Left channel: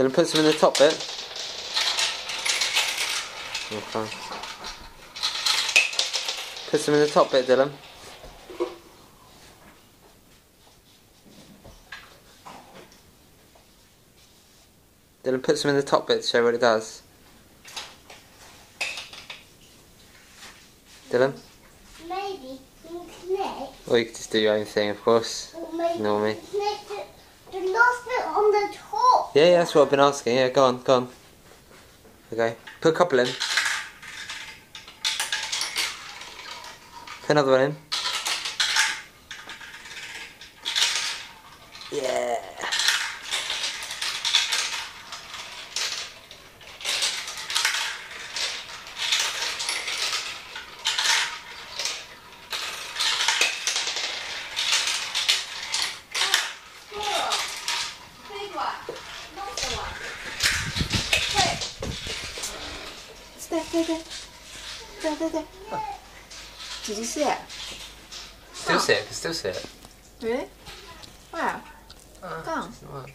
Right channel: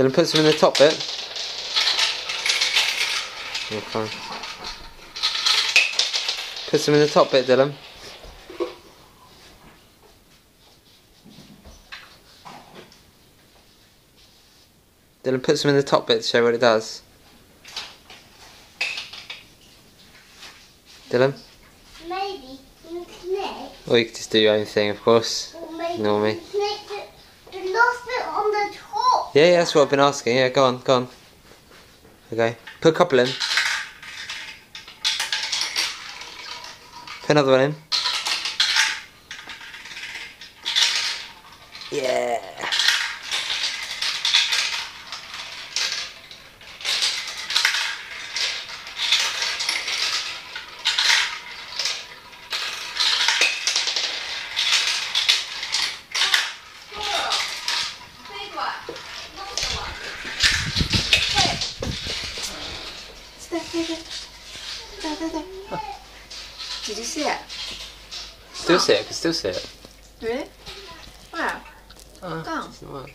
Dylan, put some in the top bit. Okay. Put some in the top bit, Dylan. Dylan, put some in the top bit to show what it does. Dylan? Maybe next. Or you could just do your own thing, of course. Or maybe Ignore me. the last bit on the top. Yeah, that's what I've been asking. Yeah, go on, go on. Okay, put a couple in. Put another one in. Yeah. Big one, not the one. There. Did you see it? Still see it, I can still see it. Really? Wow. Oh, Go on. doesn't work.